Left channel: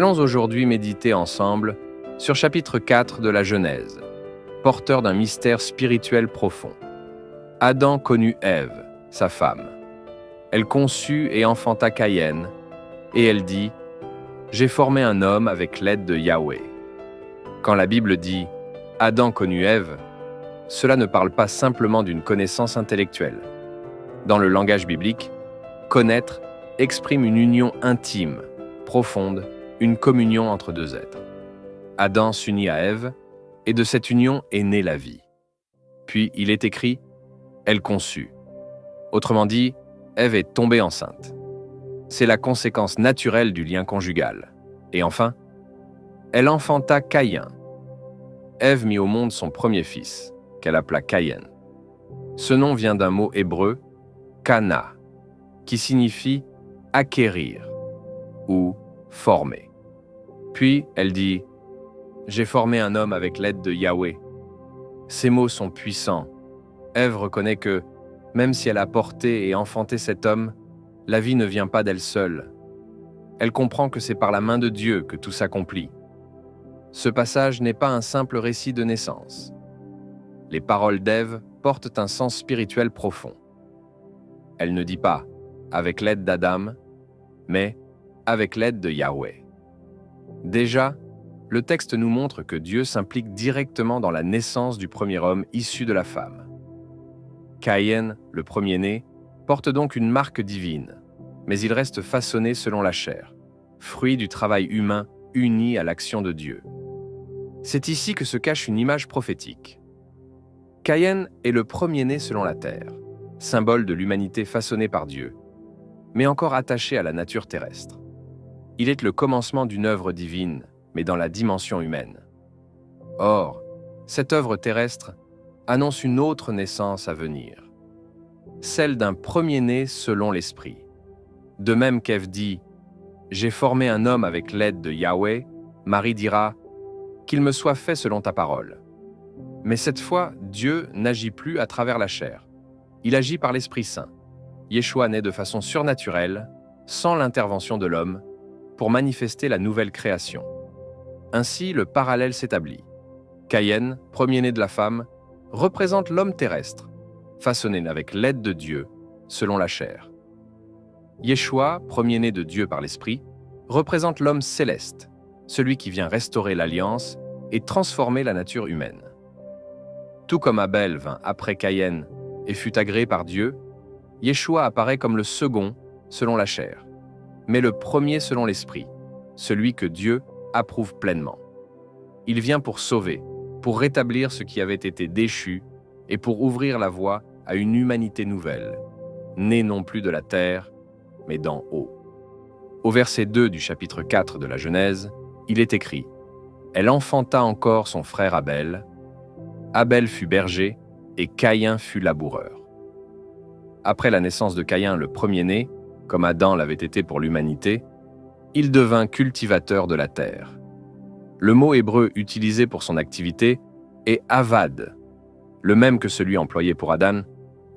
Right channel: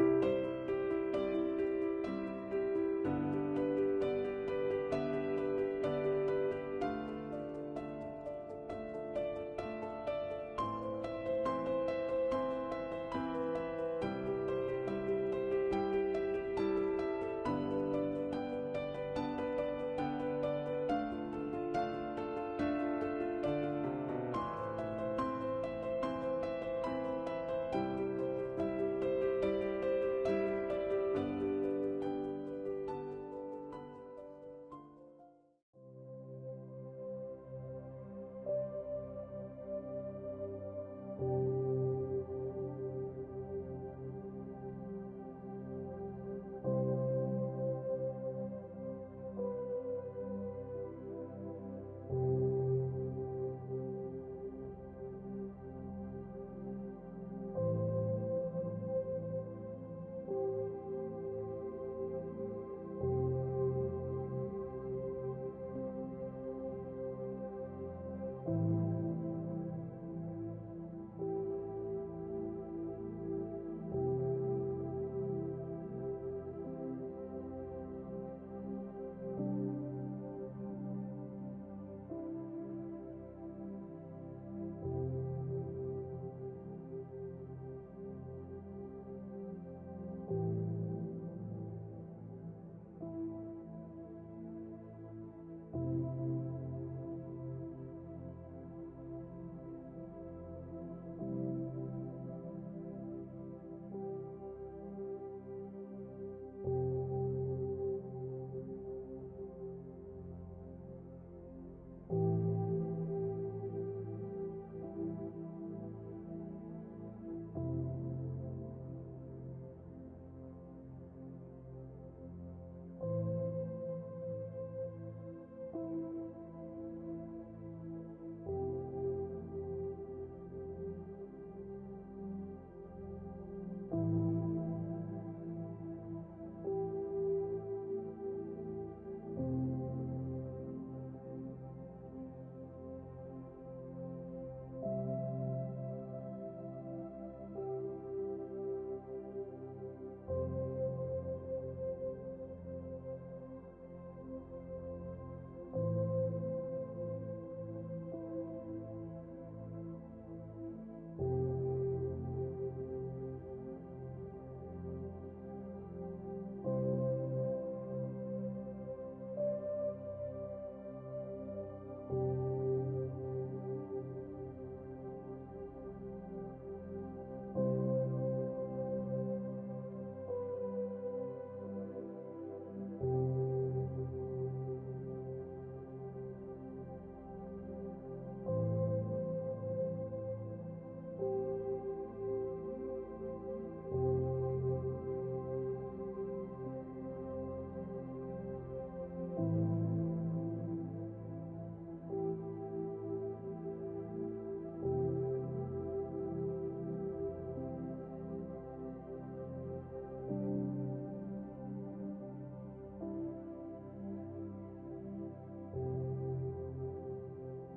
allons aujourd'hui méditer ensemble sur chapitre 4 de la Genèse, porteur d'un mystère spirituel profond. Adam connut Ève, sa femme. Elle conçut et enfanta Caïn, et elle dit « J'ai formé un homme avec l'aide de Yahweh ». Quand la Bible dit « Adam connut Ève », cela ne parle pas simplement d'une connaissance intellectuelle. Dans le langage biblique, connaître exprime une union intime, profonde, une communion entre deux êtres. Adam s'unit à Ève, et de cette union est née la vie. Puis il est écrit « Elle conçut ». Autrement dit, Ève est tombée enceinte. C'est la conséquence naturelle du lien conjugal. Et enfin, elle enfanta Caïn. Ève mit au monde son premier fils, qu'elle appela Caïn. Ce nom vient d'un mot hébreu, kana, qui signifie acquérir ou former. Puis elle dit « J'ai formé un homme avec l'aide de Yahweh ». Ces mots sont puissants. Ève reconnaît que, même si elle a porté et enfanté cet homme, la vie ne vient pas d'elle seule. Elle comprend que c'est par la main de Dieu que tout s'accomplit. Ce passage n'est pas un simple récit de naissance. Les paroles d'Ève portent un sens spirituel profond. Elle ne dit pas « avec l'aide d'Adam », mais « avec l'aide de Yahweh ». Déjà, le texte nous montre que Dieu s'implique directement dans la naissance du premier homme issu de la femme. Caïn, le premier-né, porte donc une marque divine, mais il reste façonné selon la chair, fruit du travail humain uni à l'action de Dieu. C'est ici que se cache une image prophétique. Caïn est le premier-né selon la terre, symbole de l'humanité façonnée par Dieu, mais encore attaché à la nature terrestre. Il est le commencement d'une œuvre divine, mais dans la dimension humaine. Or, cette œuvre terrestre annonce une autre naissance à venir, celle d'un premier-né selon l'Esprit. De même qu'Ève dit « J'ai formé un homme avec l'aide de Yahweh », Marie dira « Qu'il me soit fait selon ta parole ». Mais cette fois, Dieu n'agit plus à travers la chair. Il agit par l'Esprit Saint. Yeshua naît de façon surnaturelle, sans l'intervention de l'homme, pour manifester la nouvelle création. Ainsi, le parallèle s'établit. Caïn, premier-né de la femme, représente l'homme terrestre, façonné avec l'aide de Dieu, selon la chair. Yeshua, premier-né de Dieu par l'Esprit, représente l'homme céleste, celui qui vient restaurer l'alliance et transformer la nature humaine. Tout comme Abel vint après Caïn et fut agréé par Dieu, Yeshua apparaît comme le second selon la chair, mais le premier selon l'Esprit, celui que Dieu approuve pleinement. Il vient pour sauver, pour rétablir ce qui avait été déchu et pour ouvrir la voie à une humanité nouvelle, née non plus de la terre, mais d'en haut. Au verset 2 du chapitre 4 de la Genèse, il est écrit « Elle enfanta encore son frère Abel. Abel fut berger et Caïn fut laboureur. » Après la naissance de Caïn, le premier-né, comme Adam l'avait été pour l'humanité, il devint cultivateur de la terre. Le mot hébreu utilisé pour son activité est « avad », le même que celui employé pour Adam,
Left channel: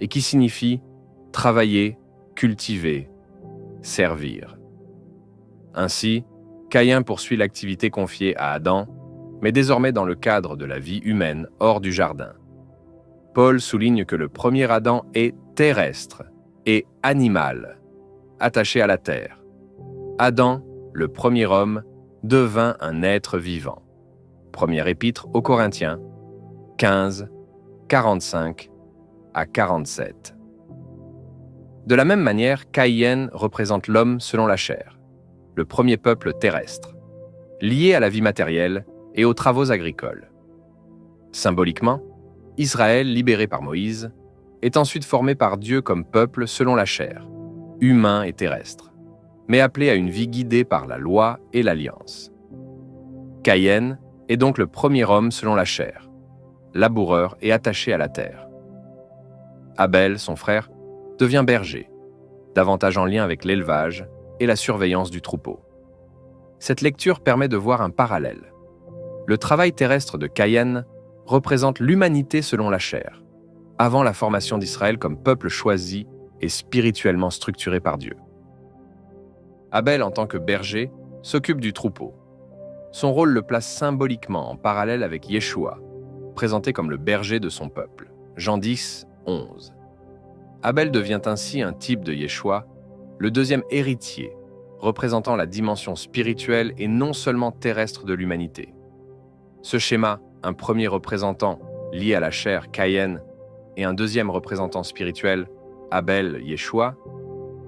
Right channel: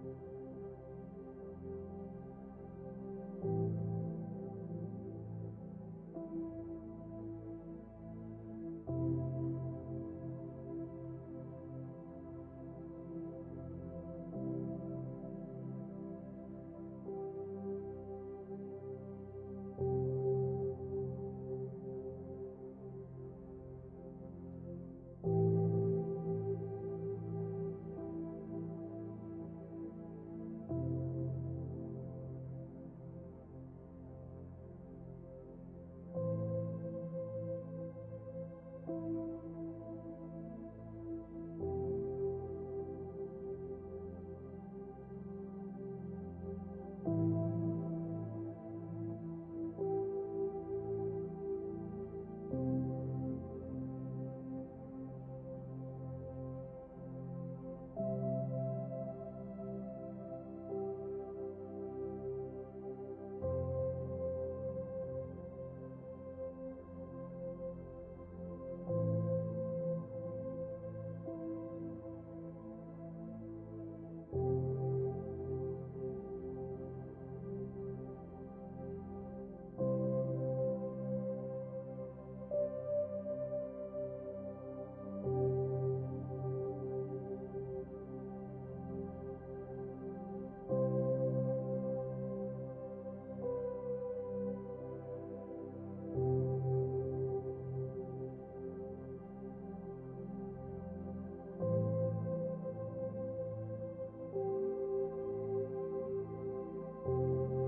et qui signifie « travailler, cultiver, servir ». Ainsi, Caïn poursuit l'activité confiée à Adam, mais désormais dans le cadre de la vie humaine hors du jardin. Paul souligne que le premier Adam est terrestre et animal, attaché à la terre. Adam, le premier homme, devint un être vivant. Première épître aux Corinthiens, 15, 45 à 47. De la même manière, Caïn représente l'homme selon la chair, le premier peuple terrestre, lié à la vie matérielle et aux travaux agricoles. Symboliquement, Israël, libéré par Moïse, est ensuite formé par Dieu comme peuple selon la chair, humain et terrestre, mais appelé à une vie guidée par la loi et l'alliance. Caïn est donc le premier homme selon la chair, laboureur et attaché à la terre. Abel, son frère, devient berger, davantage en lien avec l'élevage et la surveillance du troupeau. Cette lecture permet de voir un parallèle. Le travail terrestre de Caïn représente l'humanité selon la chair, avant la formation d'Israël comme peuple choisi et spirituellement structuré par Dieu. Abel, en tant que berger, s'occupe du troupeau. Son rôle le place symboliquement en parallèle avec Yeshua, présenté comme le berger de son peuple. Jean 10, 11. Abel devient ainsi un type de Yeshua, le deuxième héritier, représentant la dimension spirituelle et non seulement terrestre de l'humanité. Ce schéma, un premier représentant lié à la chair, Caïn, et un deuxième représentant spirituel, Abel, Yeshua,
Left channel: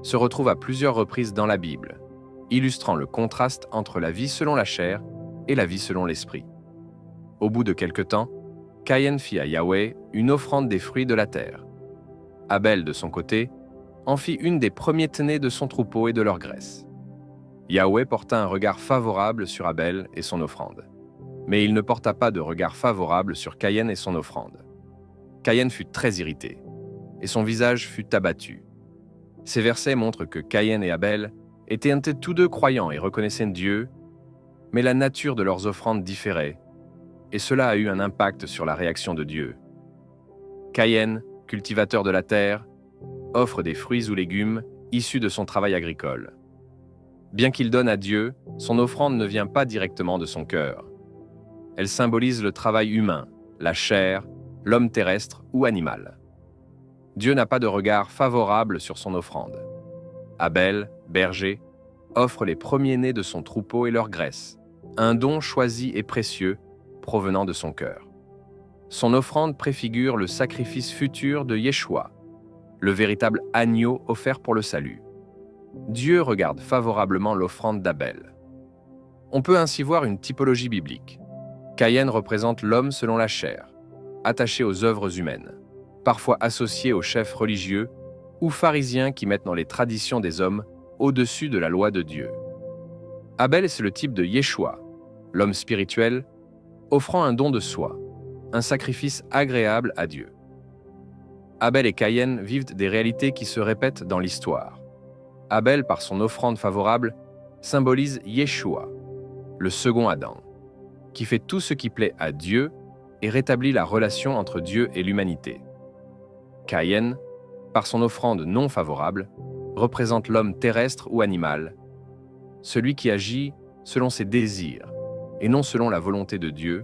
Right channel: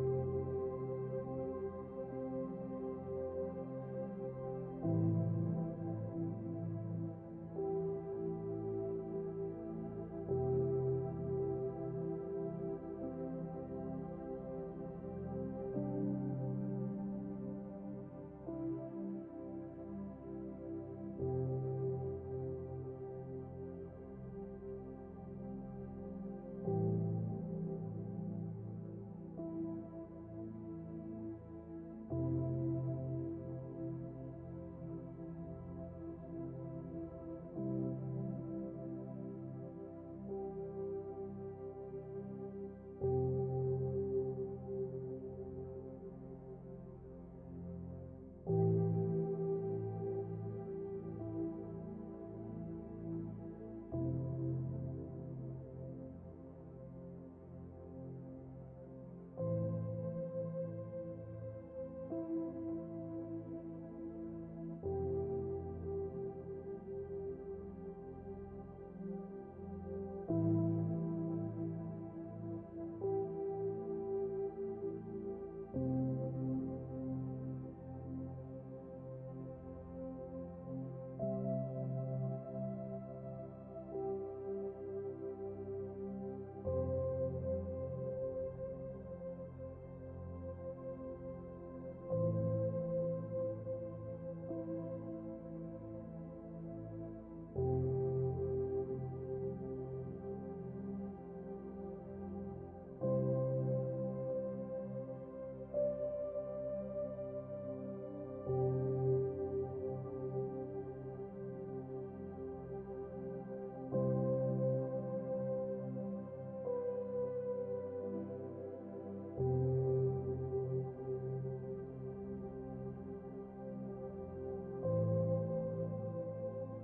se retrouve à plusieurs reprises dans la Bible, illustrant le contraste entre la vie selon la chair et la vie selon l'esprit. Au bout de quelque temps, Caïn fit à Yahweh une offrande des fruits de la terre. Abel, de son côté, en fit une des premiers-nés de son troupeau et de leur graisse. Yahweh porta un regard favorable sur Abel et son offrande. Mais il ne porta pas de regard favorable sur Caïn et son offrande. Caïn fut très irrité, et son visage fut abattu. Ces versets montrent que Caïn et Abel étaient tous deux croyants et reconnaissaient Dieu, mais la nature de leurs offrandes différait, et cela a eu un impact sur la réaction de Dieu. Caïn, cultivateur de la terre, offre des fruits ou légumes issus de son travail agricole. Bien qu'il donne à Dieu, son offrande ne vient pas directement de son cœur. Elle symbolise le travail humain, la chair, l'homme terrestre ou animal. Dieu n'a pas de regard favorable sur son offrande. Abel, berger, offre les premiers-nés de son troupeau et leur graisse, un don choisi et précieux provenant de son cœur. Son offrande préfigure le sacrifice futur de Yeshua, le véritable agneau offert pour le salut. Dieu regarde favorablement l'offrande d'Abel. On peut ainsi voir une typologie biblique. Caïn représente l'homme selon la chair, attaché aux œuvres humaines, parfois associé aux chefs religieux ou pharisiens qui mettent dans les traditions des hommes au-dessus de la loi de Dieu. Abel, c'est le type de Yeshua, l'homme spirituel, offrant un don de soi, un sacrifice agréable à Dieu. Abel et Caïn vivent des réalités qui se répètent dans l'histoire. Abel, par son offrande favorable, symbolise Yeshua, le second Adam, qui fait tout ce qui plaît à Dieu et rétablit la relation entre Dieu et l'humanité. Caïn, par son offrande non favorable, représente l'homme terrestre ou animal, celui qui agit selon ses désirs et non selon la volonté de Dieu,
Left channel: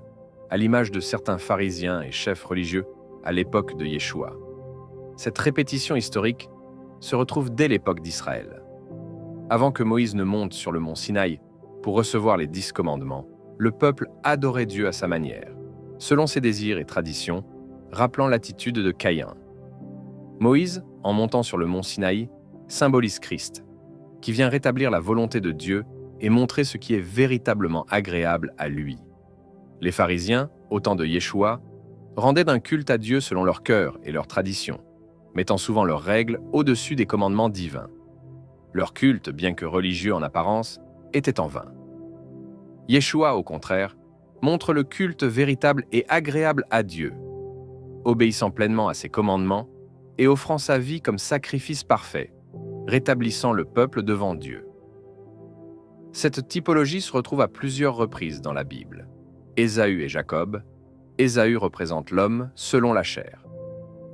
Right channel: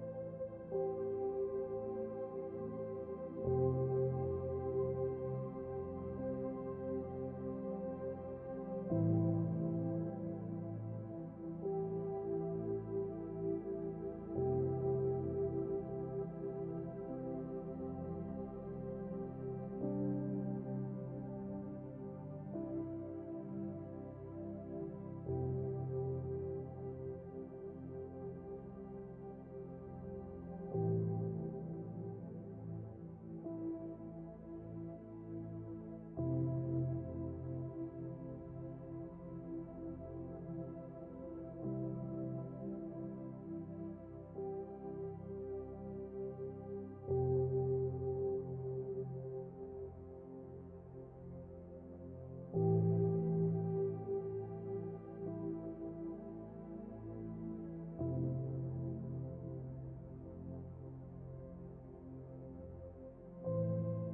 à l'image de certains pharisiens et chefs religieux à l'époque de Yeshua. Cette répétition historique se retrouve dès l'époque d'Israël. Avant que Moïse ne monte sur le mont Sinaï pour recevoir les 10 commandements, le peuple adorait Dieu à sa manière, selon ses désirs et traditions, rappelant l'attitude de Caïn. Moïse, en montant sur le mont Sinaï, symbolise Christ, qui vient rétablir la volonté de Dieu et montrer ce qui est véritablement agréable à lui. Les pharisiens, au temps de Yeshua, rendaient un culte à Dieu selon leur cœur et leurs traditions, mettant souvent leurs règles au-dessus des commandements divins. Leur culte, bien que religieux en apparence, était en vain. Yeshua, au contraire, montre le culte véritable et agréable à Dieu, obéissant pleinement à ses commandements et offrant sa vie comme sacrifice parfait, rétablissant le peuple devant Dieu. Cette typologie se retrouve à plusieurs reprises dans la Bible. Ésaü et Jacob. Ésaü représente l'homme selon la chair,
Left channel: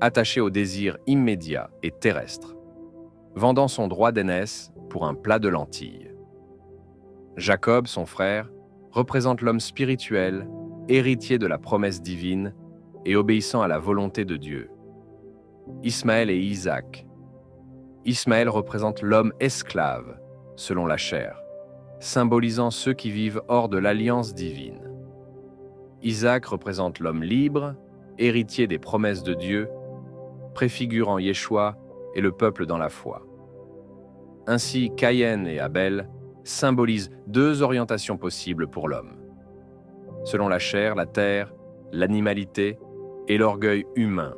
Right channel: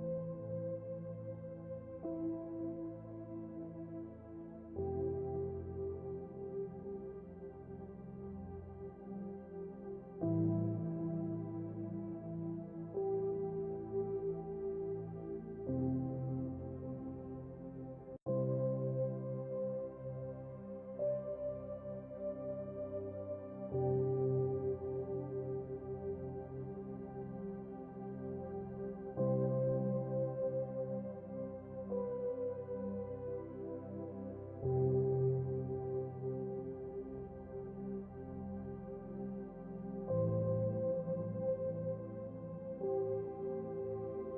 attaché aux désirs immédiats et terrestres, vendant son droit d'aînesse pour un plat de lentilles. Jacob, son frère, représente l'homme spirituel, héritier de la promesse divine et obéissant à la volonté de Dieu. Ismaël et Isaac. Ismaël représente l'homme esclave, selon la chair, symbolisant ceux qui vivent hors de l'alliance divine. Isaac représente l'homme libre, héritier des promesses de Dieu, préfigurant Yeshua et le peuple dans la foi. Ainsi, Caïn et Abel symbolisent 2 orientations possibles pour l'homme. Selon la chair, la terre, l'animalité et l'orgueil humain,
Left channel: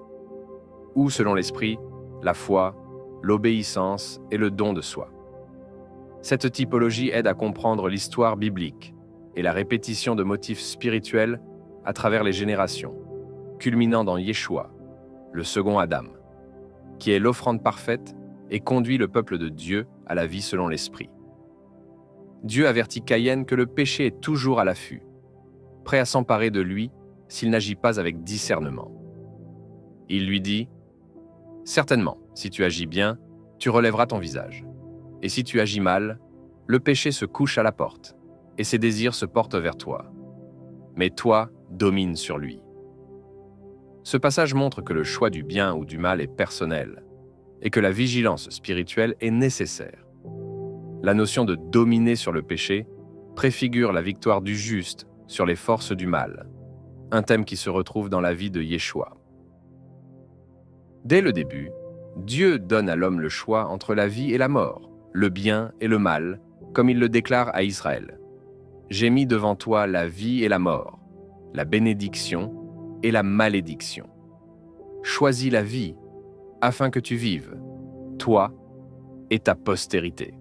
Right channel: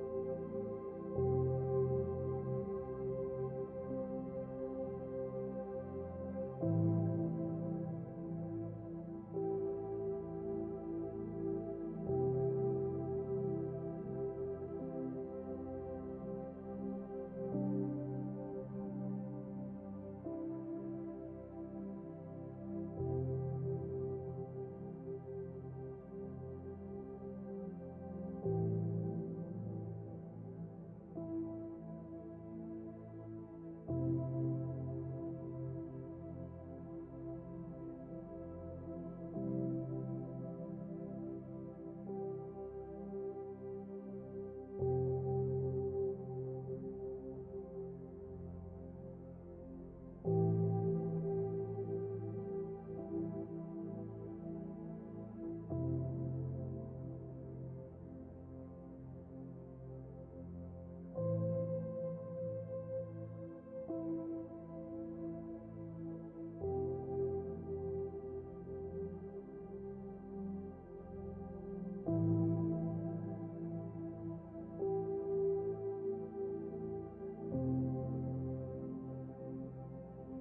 ou selon l'esprit, la foi, l'obéissance et le don de soi. Cette typologie aide à comprendre l'histoire biblique et la répétition de motifs spirituels à travers les générations, culminant dans Yeshua, le second Adam, qui est l'offrande parfaite et conduit le peuple de Dieu à la vie selon l'esprit. Dieu avertit Caïn que le péché est toujours à l'affût, prêt à s'emparer de lui s'il n'agit pas avec discernement. Il lui dit « Certainement, si tu agis bien, tu relèveras ton visage. Et si tu agis mal, le péché se couche à la porte, et ses désirs se portent vers toi. Mais toi, domine sur lui. Ce passage montre que le choix du bien ou du mal est personnel, et que la vigilance spirituelle est nécessaire. La notion de dominer sur le péché préfigure la victoire du juste sur les forces du mal, un thème qui se retrouve dans la vie de Yeshua. Dès le début, Dieu donne à l'homme le choix entre la vie et la mort, le bien et le mal, comme il le déclare à Israël. « J'ai mis devant toi la vie et la mort, la bénédiction et la malédiction. Choisis la vie, afin que tu vives, toi et ta postérité. »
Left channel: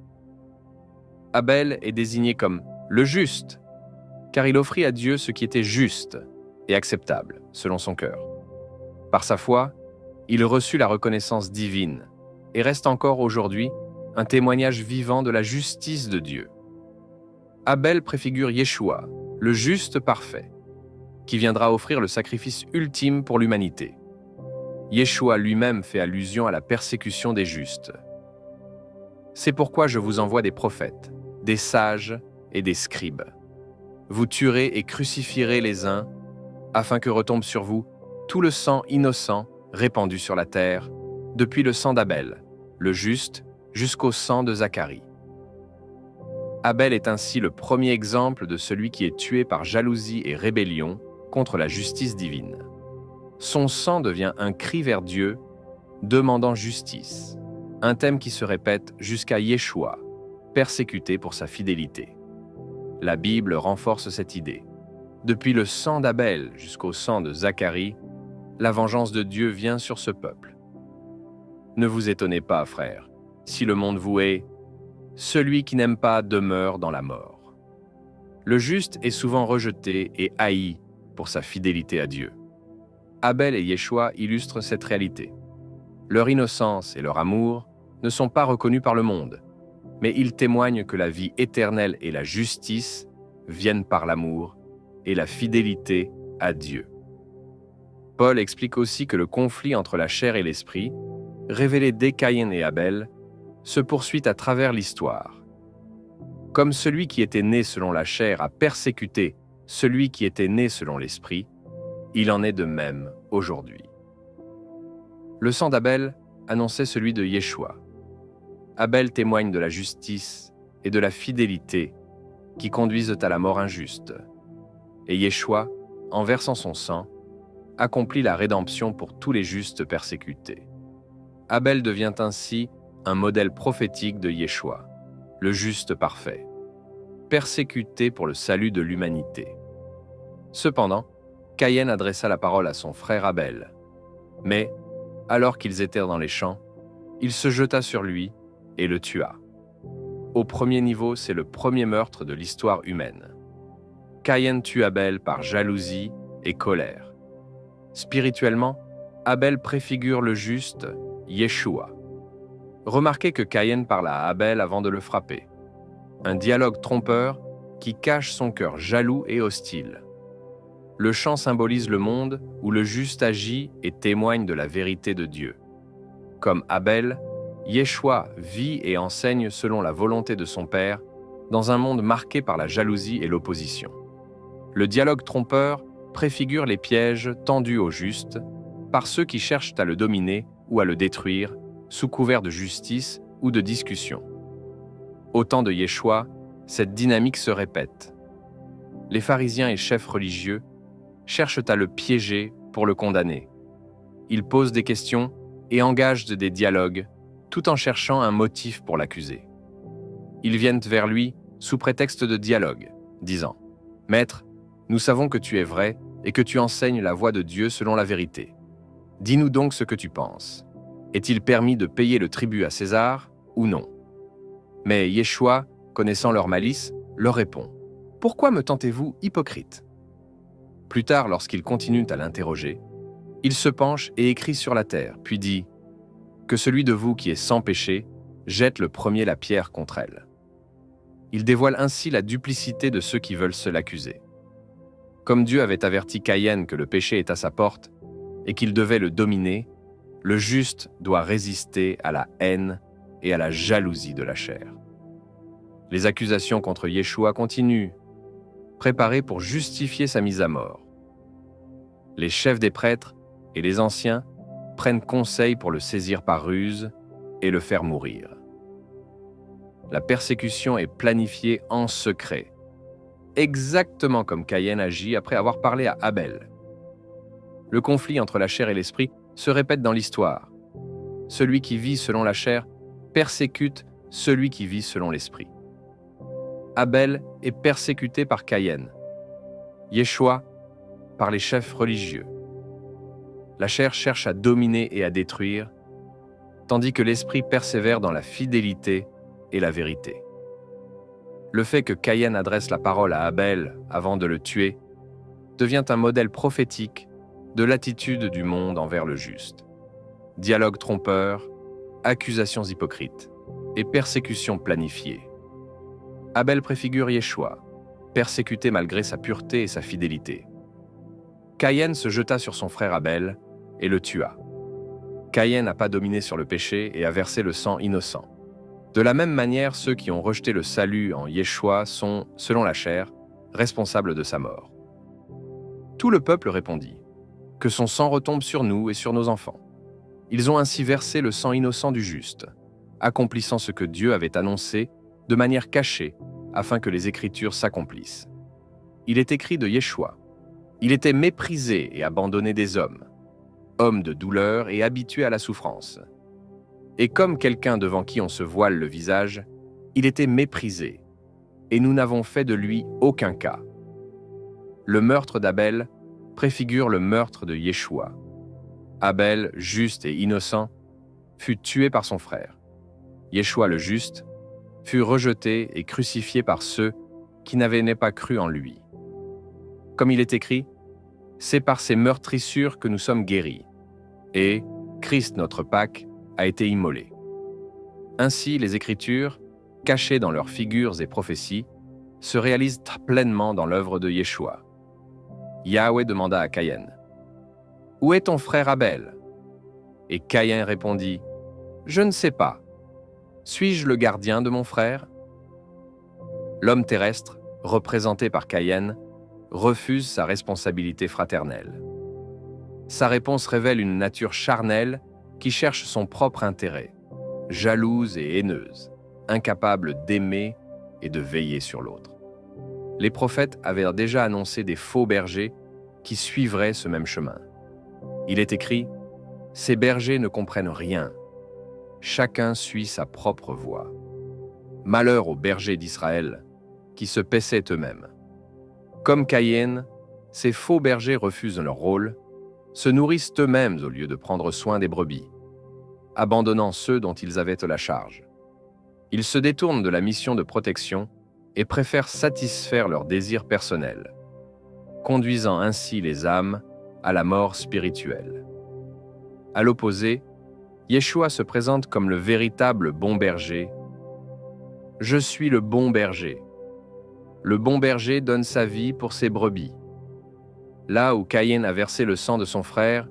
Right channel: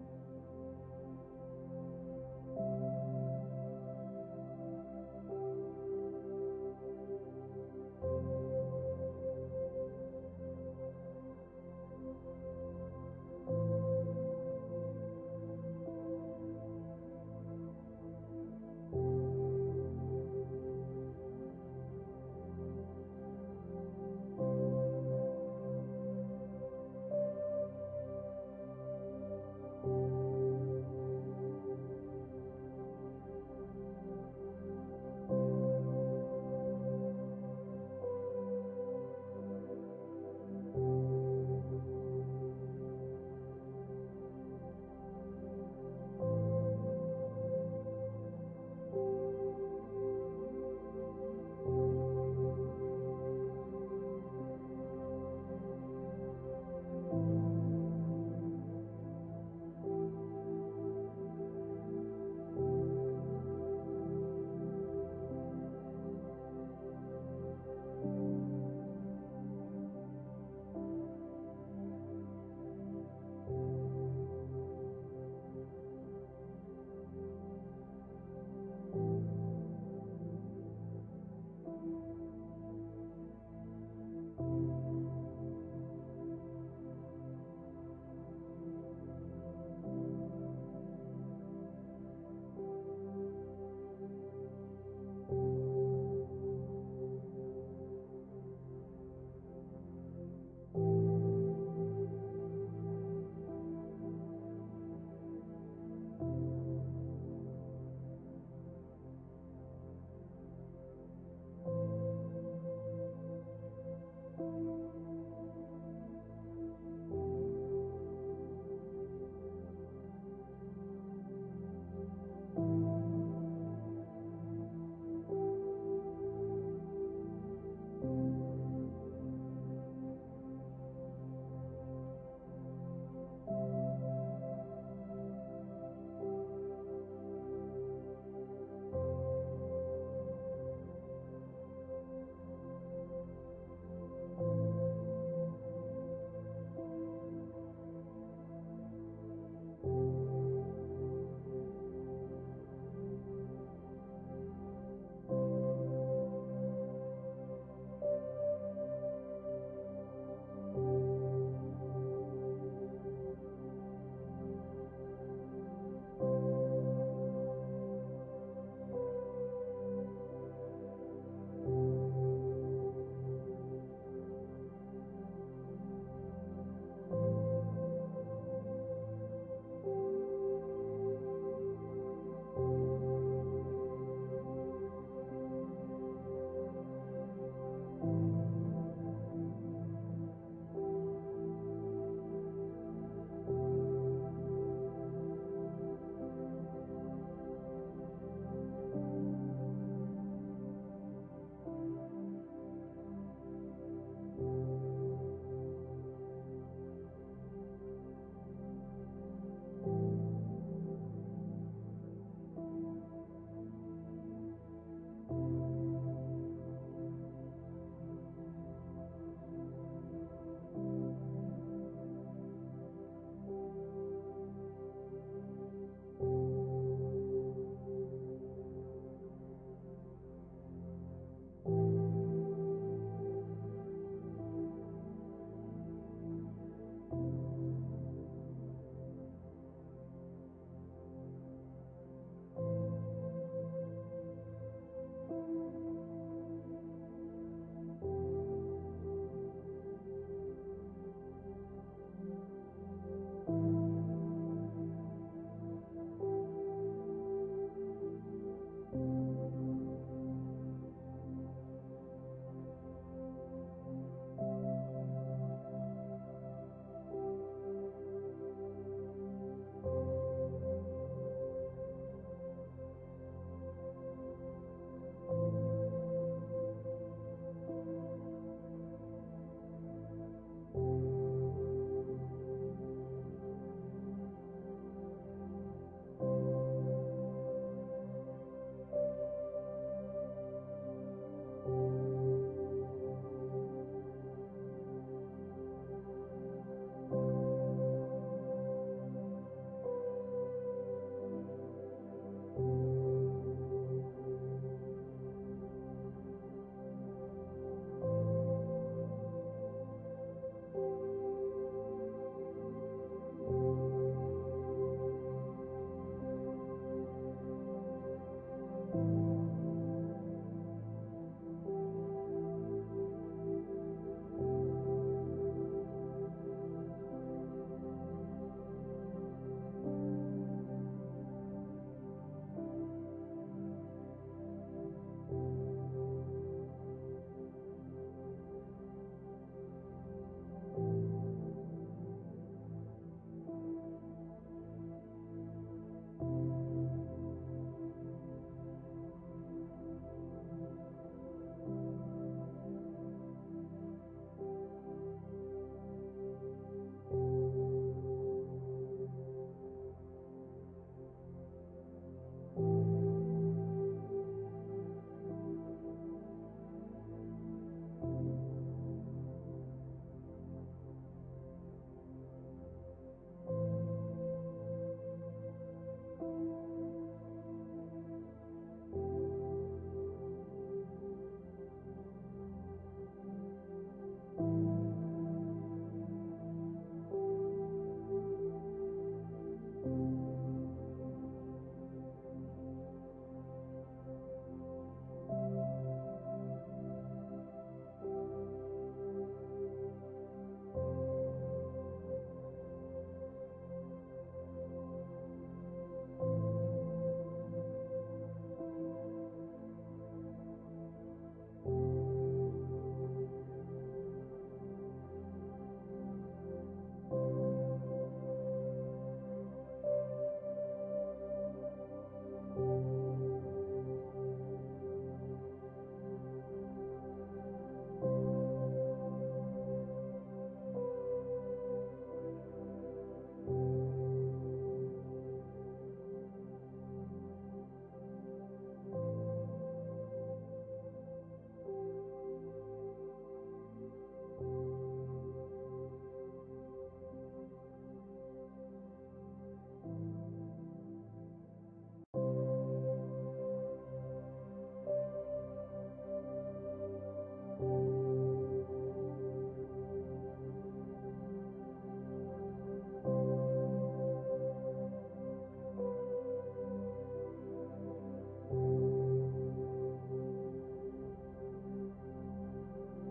Abel est désigné comme le juste, car il offrit à Dieu ce qui était juste et acceptable, selon son cœur. Par sa foi, il reçut la reconnaissance divine et reste encore aujourd'hui un témoignage vivant de la justice de Dieu. Abel préfigure Yeshua, le juste parfait, qui viendra offrir le sacrifice ultime pour l'humanité. Yeshua lui-même fait allusion à la persécution des justes. C'est pourquoi je vous envoie des prophètes, des sages et des scribes. Vous tuerez et crucifierez les uns, afin que retombe sur vous tout le sang innocent répandu sur la terre, depuis le sang d'Abel, le juste, jusqu'au sang de Zacharie. Abel est ainsi le premier exemple de celui qui est tué par jalousie et rébellion contre la justice divine. Son sang devient un cri vers Dieu, demandant justice, un thème qui se répète jusqu'à Yeshua, persécuté pour sa fidélité. La Bible renforce cette idée. Depuis le sang d'Abel jusqu'au sang de Zacharie, la vengeance de Dieu vient sur ce peuple. Ne vous étonnez pas, frères, si le monde vous hait, celui qui n'aime pas demeure dans la mort. Le juste est souvent rejeté et haï pour sa fidélité à Dieu. Abel et Yeshua illustrent cette réalité. Leur innocence et leur amour ne sont pas reconnus par le monde, mais ils témoignent que la vie éternelle et la justice viennent par l'amour et la fidélité à Dieu. Paul explique aussi que le conflit entre la chair et l'esprit, révélé dès Caïn et Abel, se poursuit à travers l'histoire. Comme celui qui était né selon la chair a persécuté celui qui était né selon l'esprit, il en est de même aujourd'hui. Le sang d'Abel annonçait celui de Yeshua. Abel témoigne de la justice et de la fidélité qui conduisent à la mort injuste. Et Yeshua, en versant son sang, accomplit la rédemption pour tous les justes persécutés. Abel devient ainsi un modèle prophétique de Yeshua, le juste parfait, persécuté pour le salut de l'humanité. Cependant, Caïn adressa la parole à son frère Abel. Mais, alors qu'ils étaient dans les champs, il se jeta sur lui et le tua. Au premier niveau, c'est le premier meurtre de l'histoire humaine. Caïn tue Abel par jalousie et colère. Spirituellement, Abel préfigure le juste, Yeshua. Remarquez que Caïn parle à Abel avant de le frapper. Un dialogue trompeur qui cache son cœur jaloux et hostile. Le chant symbolise le monde où le juste agit et témoigne de la vérité de Dieu. Comme Abel, Yeshua vit et enseigne selon la volonté de son Père dans un monde marqué par la jalousie et l'opposition. Le dialogue trompeur préfigure les pièges tendus au juste par ceux qui cherchent à le dominer ou à le détruire sous couvert de justice ou de discussion. Au temps de Yeshua, cette dynamique se répète. Les pharisiens et chefs religieux cherchent à le piéger pour le condamner. Ils posent des questions et engagent des dialogues tout en cherchant un motif pour l'accuser. Ils viennent vers lui sous prétexte de dialogue, disant « Maître, nous savons que tu es vrai et que tu enseignes la voie de Dieu selon la vérité. Dis-nous donc ce que tu penses. Est-il permis de payer le tribut à César ou non ?» Mais Yeshua, connaissant leur malice, leur répond « Pourquoi me tentez-vous, hypocrite ?» Plus tard, lorsqu'ils continuent à l'interroger, il se penche et écrit sur la terre, puis dit « Que celui de vous qui est sans péché jette le premier la pierre contre elle. » Il dévoile ainsi la duplicité de ceux qui veulent se l'accuser. Comme Dieu avait averti Caïn que le péché est à sa porte et qu'il devait le dominer, le juste doit résister à la haine et à la jalousie de la chair. Les accusations contre Yeshua continuent, préparées pour justifier sa mise à mort. Les chefs des prêtres et les anciens prennent conseil pour le saisir par ruse et le faire mourir. La persécution est planifiée en secret, exactement comme Caïn agit après avoir parlé à Abel. Le conflit entre la chair et l'esprit se répète dans l'histoire. Celui qui vit selon la chair persécute celui qui vit selon l'esprit. Abel est persécuté par Caïn, Yeshua par les chefs religieux. La chair cherche à dominer et à détruire, tandis que l'esprit persévère dans la fidélité et la vérité. Le fait que Caïn adresse la parole à Abel avant de le tuer devient un modèle prophétique de l'attitude du monde envers le juste. Dialogue trompeur, accusations hypocrites et persécutions planifiées. Abel préfigure Yeshua, persécuté malgré sa pureté et sa fidélité. Caïn se jeta sur son frère Abel et le tua. Caïn n'a pas dominé sur le péché et a versé le sang innocent. De la même manière, ceux qui ont rejeté le salut en Yeshua sont, selon la chair, responsables de sa mort. Tout le peuple répondit, « Que son sang retombe sur nous et sur nos enfants. » Ils ont ainsi versé le sang innocent du juste, accomplissant ce que Dieu avait annoncé de manière cachée afin que les Écritures s'accomplissent. Il est écrit de Yeshua, « Il était méprisé et abandonné des hommes, homme de douleur et habitué à la souffrance. Et comme quelqu'un devant qui on se voile le visage, il était méprisé, et nous n'avons fait de lui aucun cas. » Le meurtre d'Abel préfigure le meurtre de Yeshua. Abel, juste et innocent, fut tué par son frère. Yeshua le juste fut rejeté et crucifié par ceux qui n'avaient pas cru en lui. Comme il est écrit, « C'est par ces meurtrissures que nous sommes guéris. » Et Christ, notre Pâque, a été immolé. Ainsi, les Écritures, cachées dans leurs figures et prophéties, se réalisent pleinement dans l'œuvre de Yeshua. Yahweh demanda à Caïn, « Où est ton frère Abel ?» Et Caïn répondit, « Je ne sais pas. Suis-je le gardien de mon frère ?» L'homme terrestre, représenté par Caïn, refuse sa responsabilité fraternelle. Sa réponse révèle une nature charnelle qui cherche son propre intérêt, jalouse et haineuse, incapable d'aimer et de veiller sur l'autre. Les prophètes avaient déjà annoncé des faux bergers qui suivraient ce même chemin. Il est écrit, « Ces bergers ne comprennent rien. Chacun suit sa propre voie. Malheur aux bergers d'Israël qui se paissaient eux-mêmes. » Comme Caïn, ces faux bergers refusent leur rôle, se nourrissent eux-mêmes au lieu de prendre soin des brebis, abandonnant ceux dont ils avaient la charge. Ils se détournent de la mission de protection et préfèrent satisfaire leurs désirs personnels, conduisant ainsi les âmes à la mort spirituelle. À l'opposé, Yeshua se présente comme le véritable bon berger. « Je suis le bon berger. Le bon berger donne sa vie pour ses brebis. » Là où Caïn a versé le sang de son frère,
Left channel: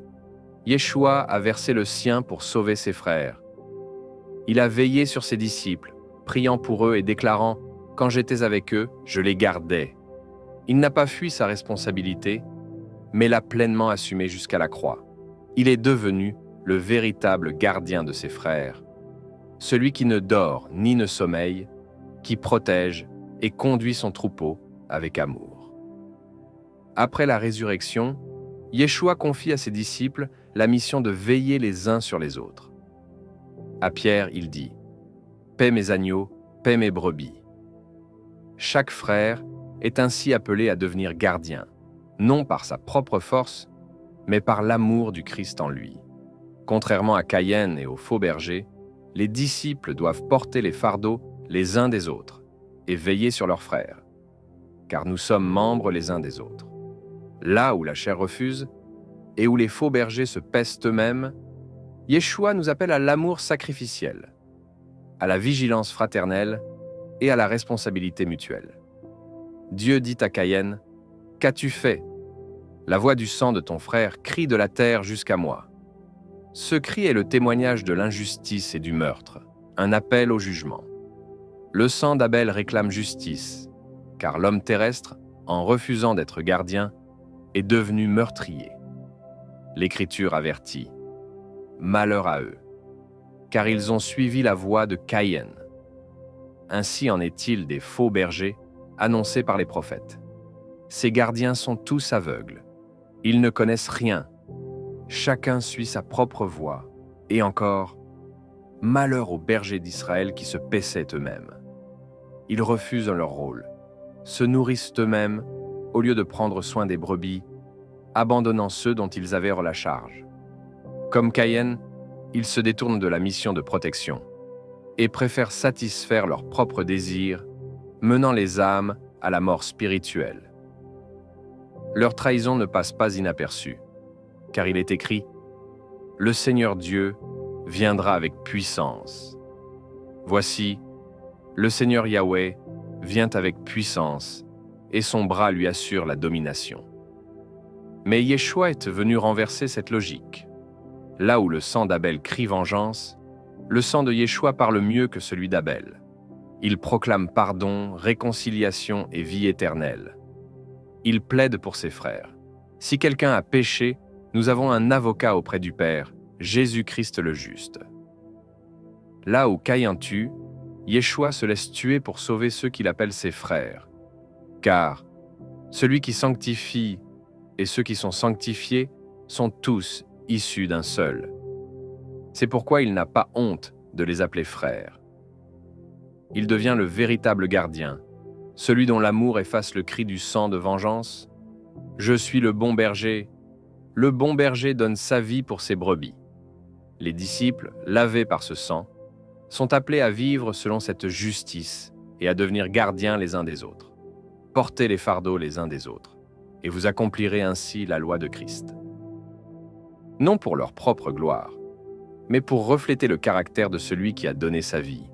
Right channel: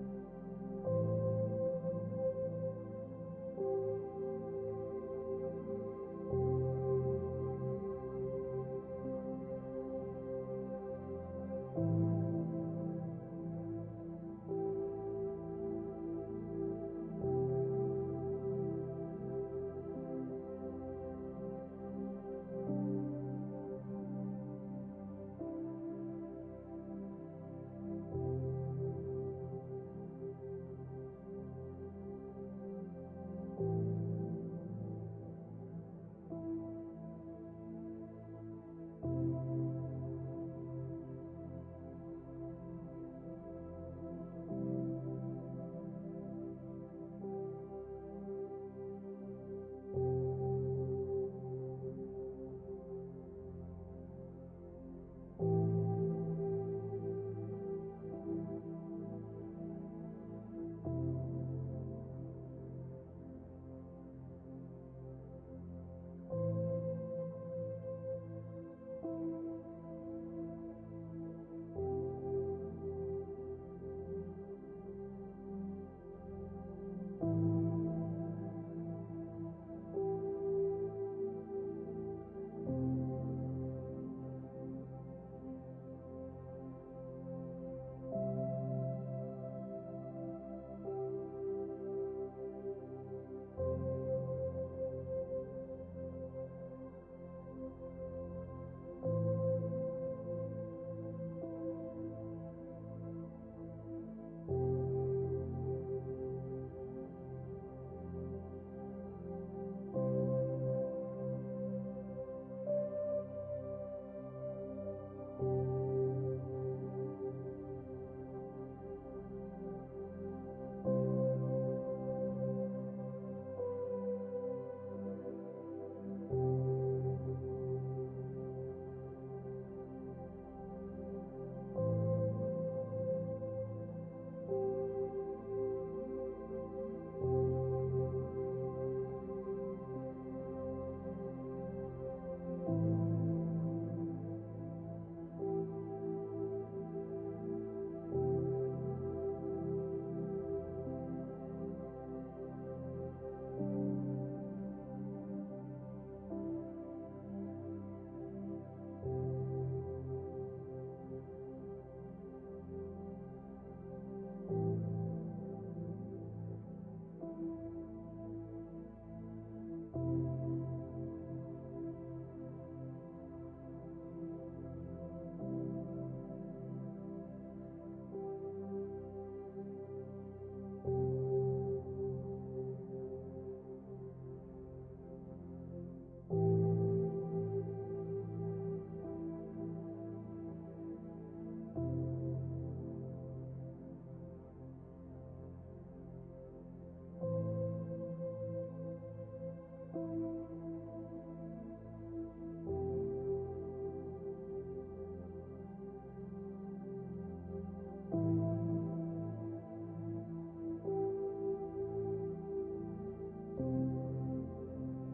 Yeshua a versé le sien pour sauver ses frères. Il a veillé sur ses disciples, priant pour eux et déclarant « Quand j'étais avec eux, je les gardais. » Il n'a pas fui sa responsabilité, mais l'a pleinement assumée jusqu'à la croix. Il est devenu le véritable gardien de ses frères, celui qui ne dort ni ne sommeille, qui protège et conduit son troupeau avec amour. Après la résurrection, Yeshua confie à ses disciples la mission de veiller les uns sur les autres. À Pierre, il dit « Paie mes agneaux, paie mes brebis. » Chaque frère est ainsi appelé à devenir gardien, non par sa propre force, mais par l'amour du Christ en lui. Contrairement à Caïn et aux faux bergers, les disciples doivent porter les fardeaux les uns des autres et veiller sur leurs frères, car nous sommes membres les uns des autres. Là où la chair refuse et où les faux bergers se pèsent eux-mêmes, Yeshua nous appelle à l'amour sacrificiel, à la vigilance fraternelle et à la responsabilité mutuelle. Dieu dit à Caïn, « Qu'as-tu fait ? La voix du sang de ton frère crie de la terre jusqu'à moi. » Ce cri est le témoignage de l'injustice et du meurtre, un appel au jugement. Le sang d'Abel réclame justice, car l'homme terrestre, en refusant d'être gardien, est devenu meurtrier. L'Écriture avertit. Malheur à eux, car ils ont suivi la voie de Caïn. Ainsi en est-il des faux bergers annoncés par les prophètes. Ces gardiens sont tous aveugles. Ils ne connaissent rien. Chacun suit sa propre voie. Et encore, malheur aux bergers d'Israël qui se paissaient eux-mêmes. Ils refusent leur rôle, se nourrissent eux-mêmes au lieu de prendre soin des brebis, abandonnant ceux dont ils avaient la charge. Comme Caïn, ils se détournent de la mission de protection et préfèrent satisfaire leurs propres désirs, menant les âmes à la mort spirituelle. Leur trahison ne passe pas inaperçue, car il est écrit « Le Seigneur Dieu viendra avec puissance. Voici, le Seigneur Yahweh vient avec puissance, et son bras lui assure la domination. » Mais Yeshua est venu renverser cette logique. Là où le sang d'Abel crie vengeance, le sang de Yeshua parle mieux que celui d'Abel. Il proclame pardon, réconciliation et vie éternelle. Il plaide pour ses frères. Si quelqu'un a péché, nous avons un avocat auprès du Père, Jésus-Christ le juste. Là où Caïn tue, Yeshua se laisse tuer pour sauver ceux qu'il appelle ses frères. Car celui qui sanctifie et ceux qui sont sanctifiés sont tous issus d'un seul. C'est pourquoi il n'a pas honte de les appeler frères. Il devient le véritable gardien, celui dont l'amour efface le cri du sang de vengeance. Je suis le bon berger. Le bon berger donne sa vie pour ses brebis. Les disciples, lavés par ce sang, sont appelés à vivre selon cette justice et à devenir gardiens les uns des autres. Portez les fardeaux les uns des autres, et vous accomplirez ainsi la loi de Christ. Non pour leur propre gloire, mais pour refléter le caractère de celui qui a donné sa vie.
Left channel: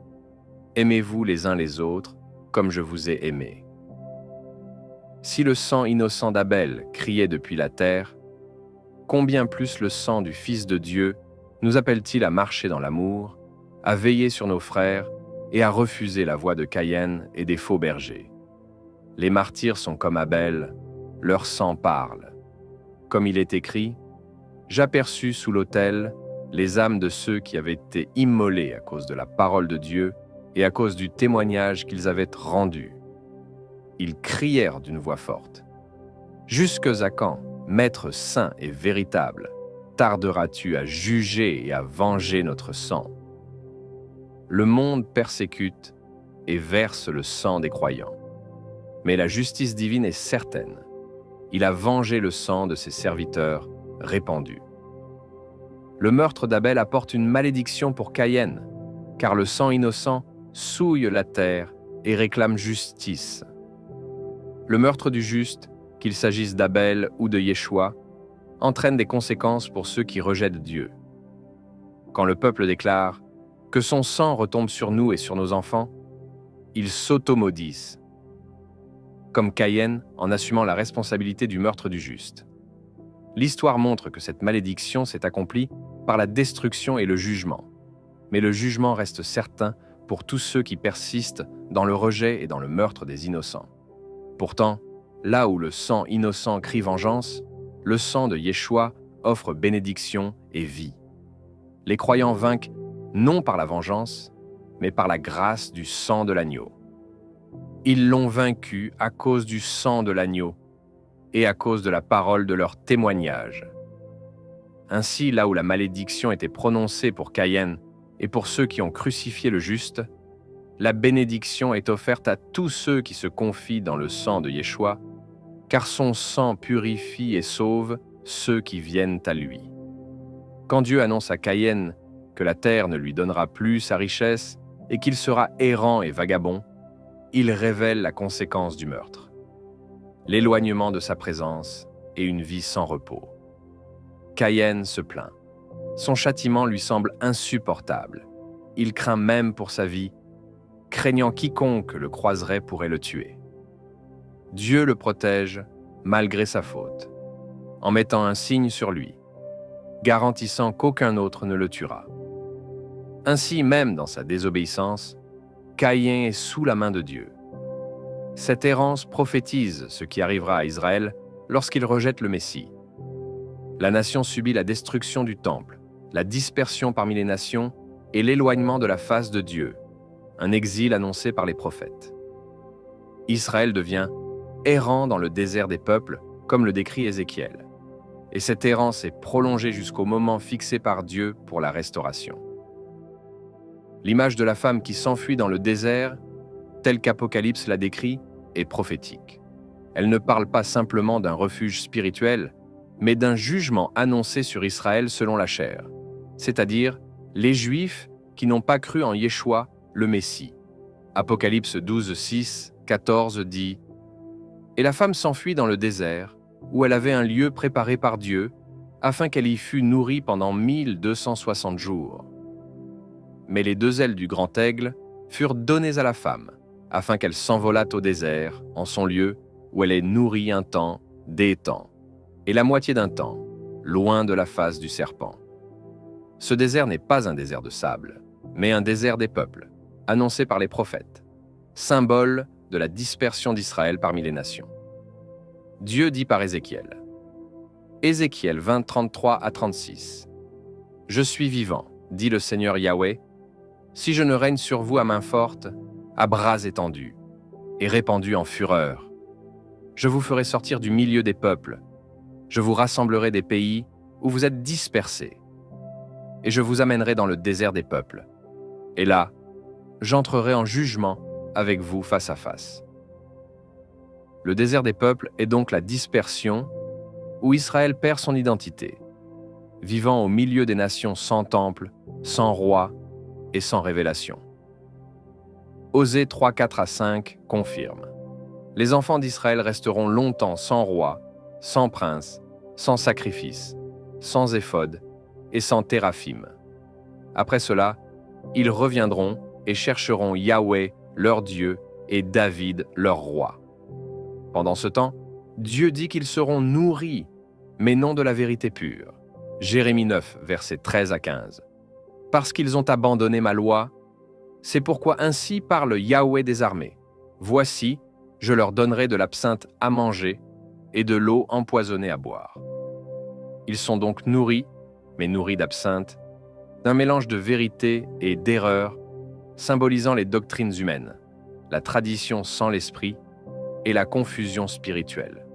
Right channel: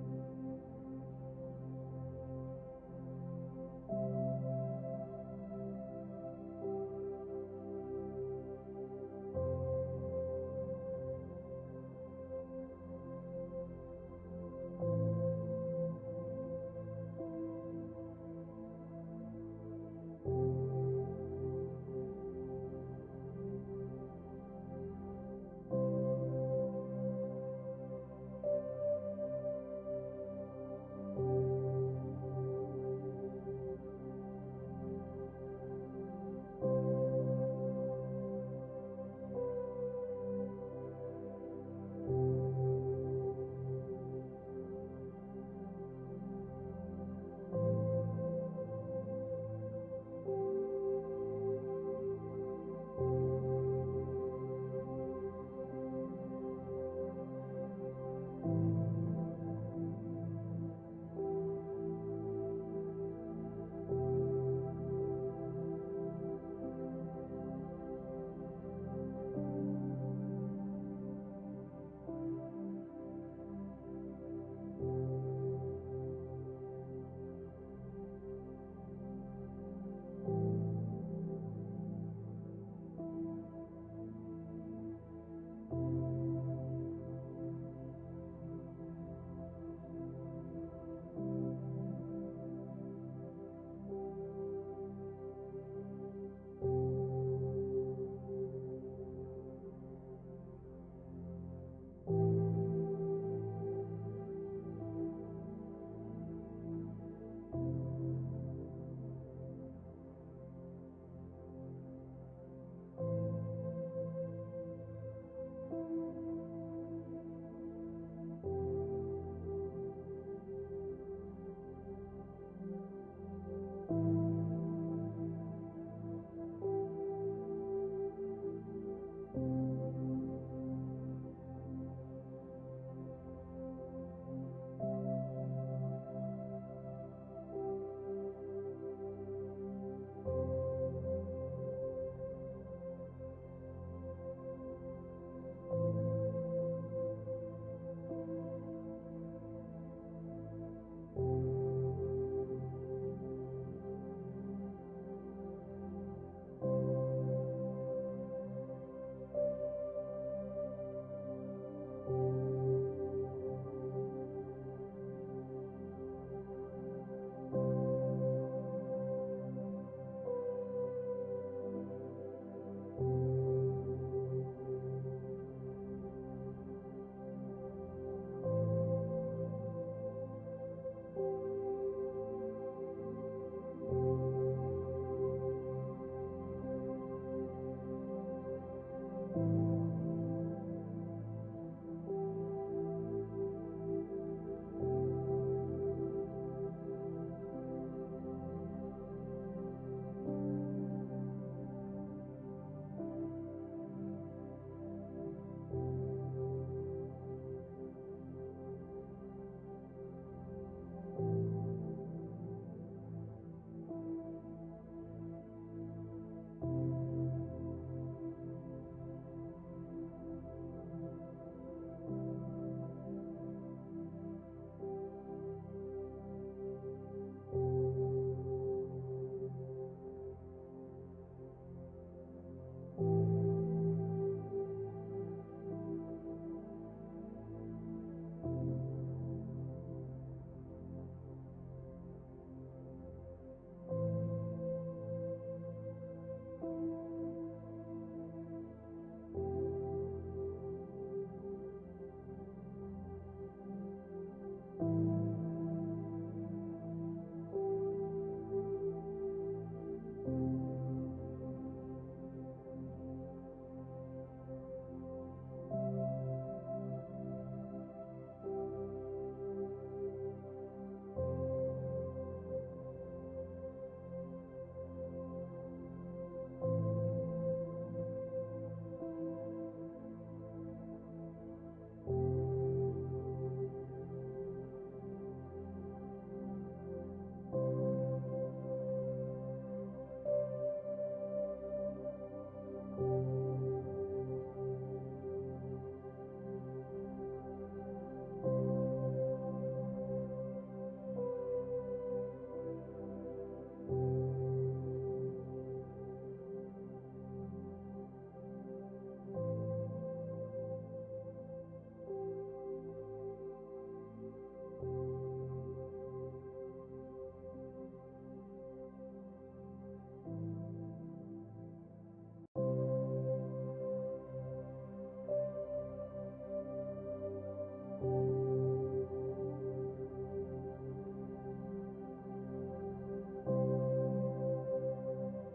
Aimez-vous les uns les autres comme je vous ai aimés. Si le sang innocent d'Abel criait depuis la terre, combien plus le sang du Fils de Dieu nous appelle-t-il à marcher dans l'amour, à veiller sur nos frères et à refuser la voie de Caïn et des faux bergers. Les martyrs sont comme Abel, leur sang parle. Comme il est écrit, « J'aperçus sous l'autel les âmes de ceux qui avaient été immolés à cause de la parole de Dieu et à cause du témoignage qu'ils avaient rendu. Ils crièrent d'une voix forte. « Jusque à quand, Maître saint et véritable, tarderas-tu à juger et à venger notre sang? Le monde persécute et verse le sang des croyants. Mais la justice divine est certaine. Il a vengé le sang de ses serviteurs répandu. Le meurtre d'Abel apporte une malédiction pour Caïn, car le sang innocent souille la terre et réclame justice. Le meurtre du juste, qu'il s'agisse d'Abel ou de Yeshua, entraîne des conséquences pour ceux qui rejettent Dieu. Quand le peuple déclare « Que son sang retombe sur nous et sur nos enfants », ils s'automaudissent, comme Caïn en assumant la responsabilité du meurtre du juste. L'histoire montre que cette malédiction s'est accomplie par la destruction et le jugement. Mais le jugement reste certain pour tous ceux qui persistent dans le rejet et dans le meurtre des innocents. Pourtant, là où le sang innocent crie vengeance, le sang de Yeshua offre bénédiction et vie. Les croyants vainquent non par la vengeance, mais par la grâce du sang de l'agneau. Ils l'ont vaincu à cause du sang de l'agneau et à cause de la parole de leur témoignage. Ainsi, là où la malédiction était prononcée pour Caïn et pour ceux qui ont crucifié le juste, la bénédiction est offerte à tous ceux qui se confient dans le sang de Yeshua, car son sang purifie et sauve ceux qui viennent à lui. Quand Dieu annonce à Caïn que la terre ne lui donnera plus sa richesse et qu'il sera errant et vagabond, il révèle la conséquence du meurtre, l'éloignement de sa présence et une vie sans repos. Caïn se plaint. Son châtiment lui semble insupportable. Il craint même pour sa vie, craignant quiconque le croiserait pourrait le tuer. Dieu le protège malgré sa faute, en mettant un signe sur lui, garantissant qu'aucun autre ne le tuera. Ainsi, même dans sa désobéissance, Caïn est sous la main de Dieu. Cette errance prophétise ce qui arrivera à Israël lorsqu'il rejette le Messie. La nation subit la destruction du temple, la dispersion parmi les nations et l'éloignement de la face de Dieu, un exil annoncé par les prophètes. Israël devient errant dans le désert des peuples, comme le décrit Ézéchiel. Et cette errance est prolongée jusqu'au moment fixé par Dieu pour la restauration. L'image de la femme qui s'enfuit dans le désert, telle qu'Apocalypse la décrit, est prophétique. Elle ne parle pas simplement d'un refuge spirituel, mais d'un jugement annoncé sur Israël selon la chair, c'est-à-dire les Juifs qui n'ont pas cru en Yeshua, le Messie. Apocalypse 12, 6, 14 dit « Et la femme s'enfuit dans le désert, où elle avait un lieu préparé par Dieu, afin qu'elle y fût nourrie pendant 1260 jours. Mais les 2 ailes du grand aigle furent données à la femme, afin qu'elle s'envolât au désert, en son lieu, où elle est nourrie un temps, des temps, et la moitié d'un temps, loin de la face du serpent. Ce désert n'est pas un désert de sable, mais un désert des peuples, annoncé par les prophètes, symbole de la dispersion d'Israël parmi les nations. Dieu dit par Ézéchiel. Ézéchiel 20, 33 à 36. « Je suis vivant, dit le Seigneur Yahweh, si je ne règne sur vous à main forte, à bras étendus, et répandu en fureur. Je vous ferai sortir du milieu des peuples, je vous rassemblerai des pays où vous êtes dispersés, et je vous amènerai dans le désert des peuples. Et là, j'entrerai en jugement avec vous face à face. » Le désert des peuples est donc la dispersion où Israël perd son identité, vivant au milieu des nations sans temple, sans roi et sans révélation. Osée 3, 4 à 5 confirme. Les enfants d'Israël resteront longtemps sans roi, sans prince, sans sacrifice, sans éphod et sans téraphim. Après cela, ils reviendront et chercheront Yahweh, leur Dieu, et David, leur roi. Pendant ce temps, Dieu dit qu'ils seront nourris, mais non de la vérité pure. Jérémie 9, versets 13 à 15. Parce qu'ils ont abandonné ma loi, c'est pourquoi ainsi parle Yahweh des armées. Voici, je leur donnerai de l'absinthe à manger et de l'eau empoisonnée à boire. Ils sont donc nourris, mais nourris d'absinthe, d'un mélange de vérité et d'erreur, symbolisant les doctrines humaines, la tradition sans l'esprit et la confusion spirituelle.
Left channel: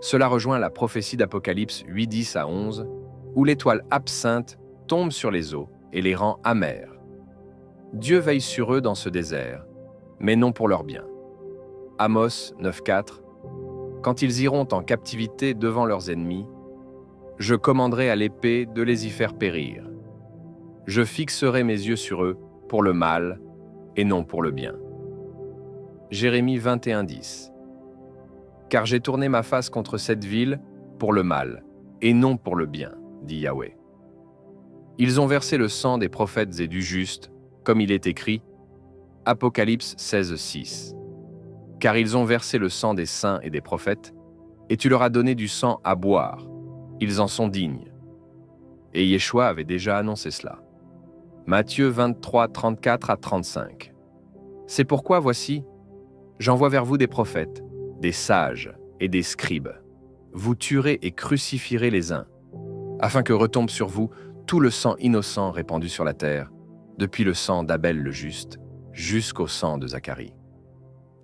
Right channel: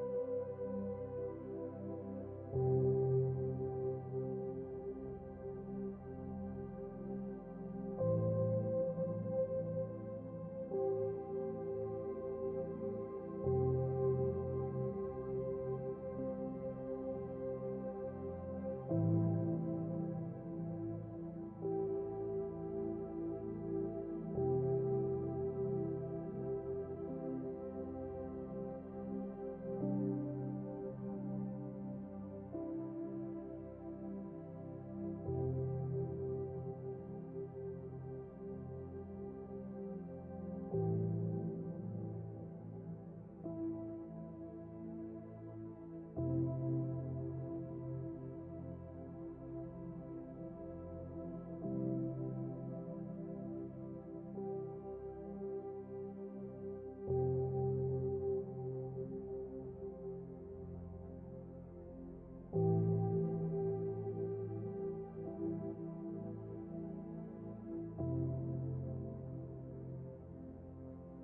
Cela rejoint la prophétie d'Apocalypse 8, 10 à 11, où l'étoile absinthe tombe sur les eaux et les rend amers. Dieu veille sur eux dans ce désert, mais non pour leur bien. Amos 9, 4. Quand ils iront en captivité devant leurs ennemis, je commanderai à l'épée de les y faire périr. Je fixerai mes yeux sur eux pour le mal et non pour le bien. Jérémie 21, 10. Car j'ai tourné ma face contre cette ville pour le mal et non pour le bien, dit Yahweh. Ils ont versé le sang des prophètes et du juste, comme il est écrit, Apocalypse 16, 6. Car ils ont versé le sang des saints et des prophètes, et tu leur as donné du sang à boire. Ils en sont dignes. Et Yeshua avait déjà annoncé cela. Matthieu 23, 34 à 35. C'est pourquoi, voici, j'envoie vers vous des prophètes, des sages et des scribes. Vous tuerez et crucifierez les uns, afin que retombe sur vous tout le sang innocent répandu sur la terre, depuis le sang d'Abel le juste, jusqu'au sang de Zacharie.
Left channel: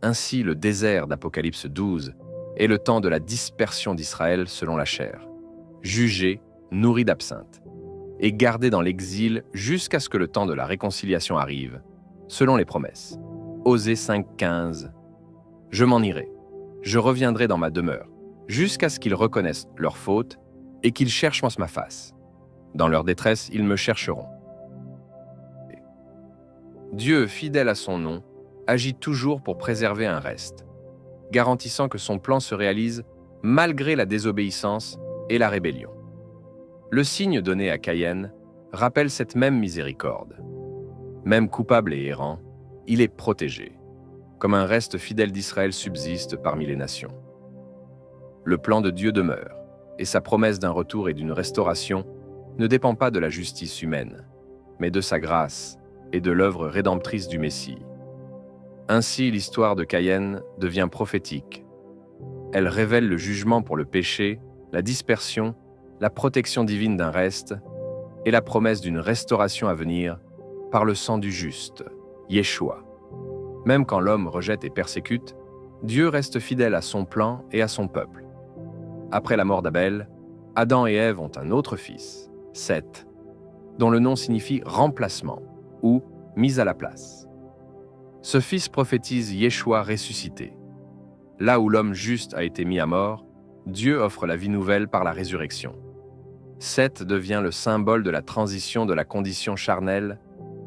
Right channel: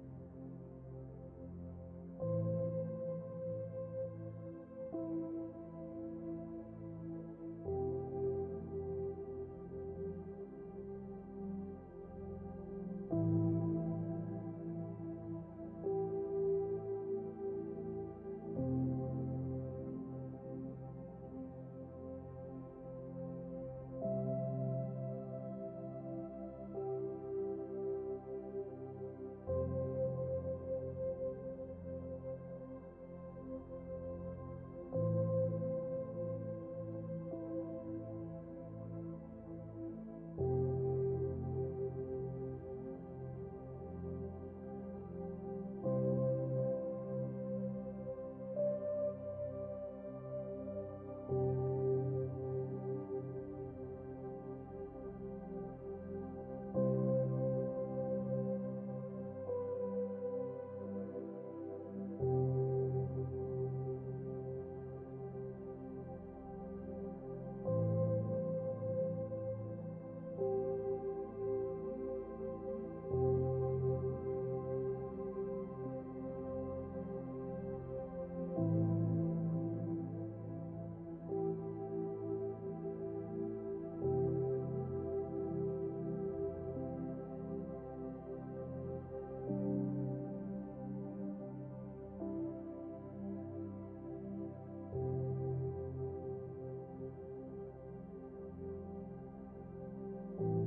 Ainsi, le désert d'Apocalypse 12 est le temps de la dispersion d'Israël selon la chair, jugé, nourri d'absinthe, et gardé dans l'exil jusqu'à ce que le temps de la réconciliation arrive, selon les promesses. Osée 5, 15. Je m'en irai, je reviendrai dans ma demeure, jusqu'à ce qu'ils reconnaissent leur faute et qu'ils cherchent ma face. Dans leur détresse, ils me chercheront. Dieu, fidèle à son nom, agit toujours pour préserver un reste, garantissant que son plan se réalise malgré la désobéissance et la rébellion. Le signe donné à Caïn rappelle cette même miséricorde. Même coupable et errant, il est protégé, comme un reste fidèle d'Israël subsiste parmi les nations. Le plan de Dieu demeure, et sa promesse d'un retour et d'une restauration ne dépend pas de la justice humaine, mais de sa grâce et de l'œuvre rédemptrice du Messie. Ainsi, l'histoire de Caïn devient prophétique. Elle révèle le jugement pour le péché, la dispersion, la protection divine d'un reste et la promesse d'une restauration à venir par le sang du juste, Yeshua. Même quand l'homme rejette et persécute, Dieu reste fidèle à son plan et à son peuple. Après la mort d'Abel, Adam et Ève ont un autre fils, Seth, dont le nom signifie remplacement ou mise à la place. Ce fils prophétise Yeshua ressuscité. Là où l'homme juste a été mis à mort, Dieu offre la vie nouvelle par la résurrection. Seth devient le symbole de la transition de la condition charnelle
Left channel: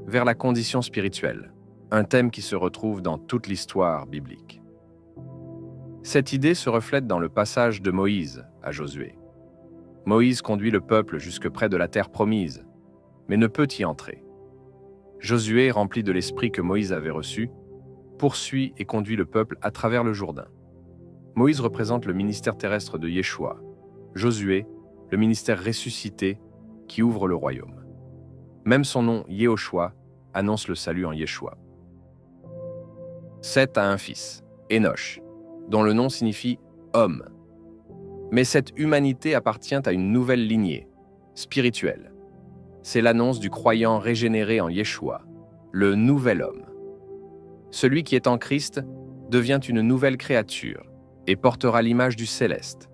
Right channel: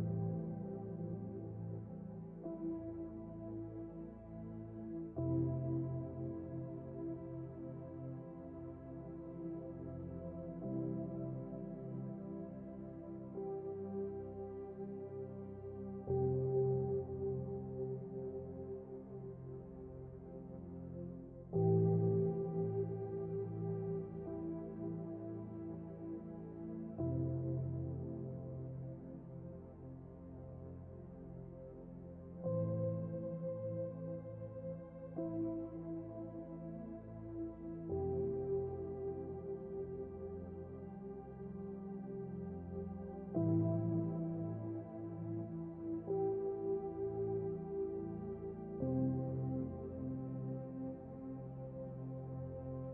vers la condition spirituelle, un thème qui se retrouve dans toute l'histoire biblique. Cette idée se reflète dans le passage de Moïse à Josué. Moïse conduit le peuple jusque près de la terre promise, mais ne peut y entrer. Josué, rempli de l'esprit que Moïse avait reçu, poursuit et conduit le peuple à travers le Jourdain. Moïse représente le ministère terrestre de Yeshua, Josué, le ministère ressuscité qui ouvre le royaume. Même son nom, Yehoshua, annonce le salut en Yeshua. Seth a un fils, Enoch, dont le nom signifie « homme ». Mais cette humanité appartient à une nouvelle lignée, spirituelle. C'est l'annonce du croyant régénéré en Yeshua, le nouvel homme. Celui qui est en Christ devient une nouvelle créature et portera l'image du céleste,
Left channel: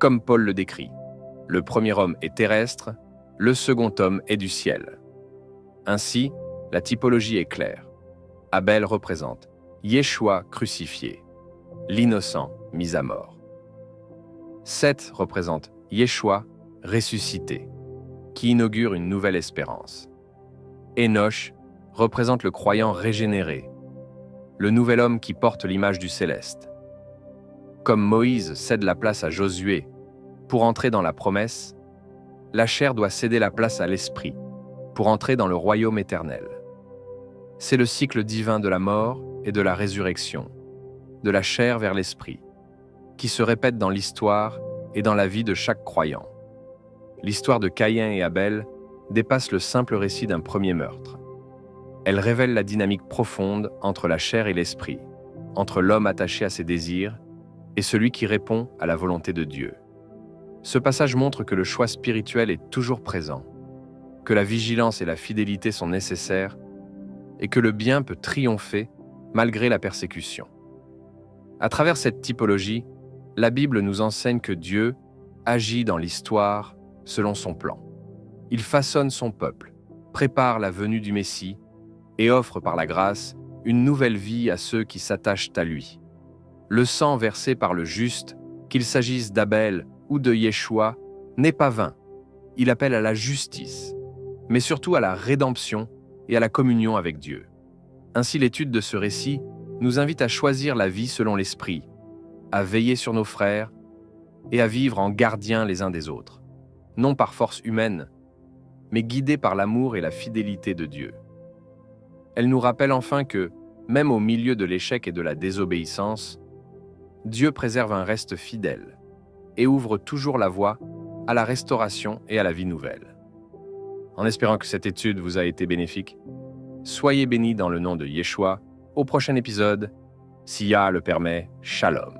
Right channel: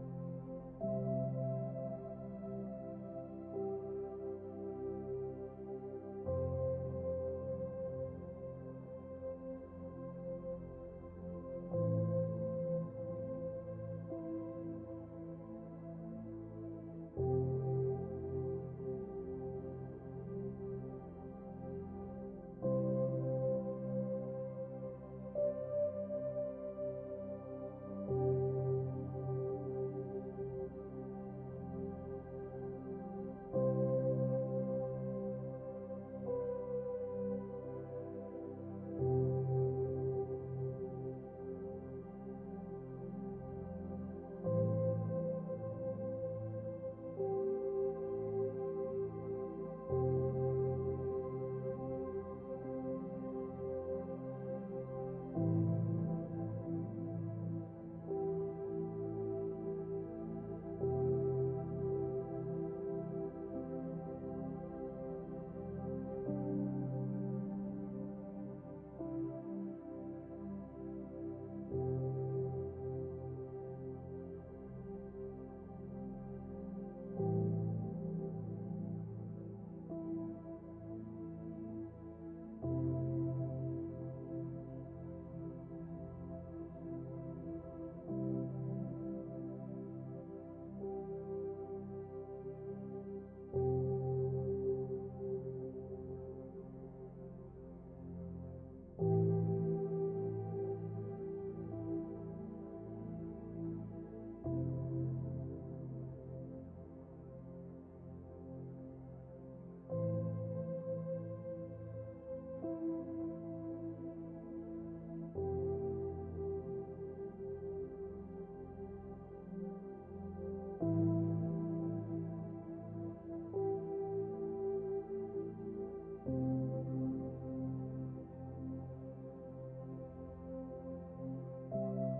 comme Paul le décrit. Le premier homme est terrestre, le second homme est du ciel. Ainsi, la typologie est claire. Abel représente Yeshua crucifié, l'innocent mis à mort. Seth représente Yeshua ressuscité, qui inaugure une nouvelle espérance. Enoch représente le croyant régénéré, le nouvel homme qui porte l'image du céleste. Comme Moïse cède la place à Josué pour entrer dans la promesse, la chair doit céder la place à l'esprit pour entrer dans le royaume éternel. C'est le cycle divin de la mort et de la résurrection, de la chair vers l'esprit, qui se répète dans l'histoire et dans la vie de chaque croyant. L'histoire de Caïn et Abel dépasse le simple récit d'un premier meurtre. Elle révèle la dynamique profonde entre la chair et l'esprit, entre l'homme attaché à ses désirs et celui qui répond à la volonté de Dieu. Ce passage montre que le choix spirituel est toujours présent, que la vigilance et la fidélité sont nécessaires et que le bien peut triompher malgré la persécution. À travers cette typologie, la Bible nous enseigne que Dieu agit dans l'histoire selon son plan. Il façonne son peuple, prépare la venue du Messie et offre par la grâce une nouvelle vie à ceux qui s'attachent à lui. Le sang versé par le juste, qu'il s'agisse d'Abel ou de Yeshua, n'est pas vain. Il appelle à la justice, mais surtout à la rédemption et à la communion avec Dieu. Ainsi, l'étude de ce récit nous invite à choisir la vie selon l'esprit, à veiller sur nos frères et à vivre en gardiens les uns des autres, non par force humaine, mais guidés par l'amour et la fidélité de Dieu. Elle nous rappelle enfin que, même au milieu de l'échec et de la désobéissance, Dieu préserve un reste fidèle et ouvre toujours la voie à la restauration et à la vie nouvelle. En espérant que cette étude vous a été bénéfique, soyez bénis dans le nom de Yeshua. Au prochain épisode, si Yah le permet, Shalom.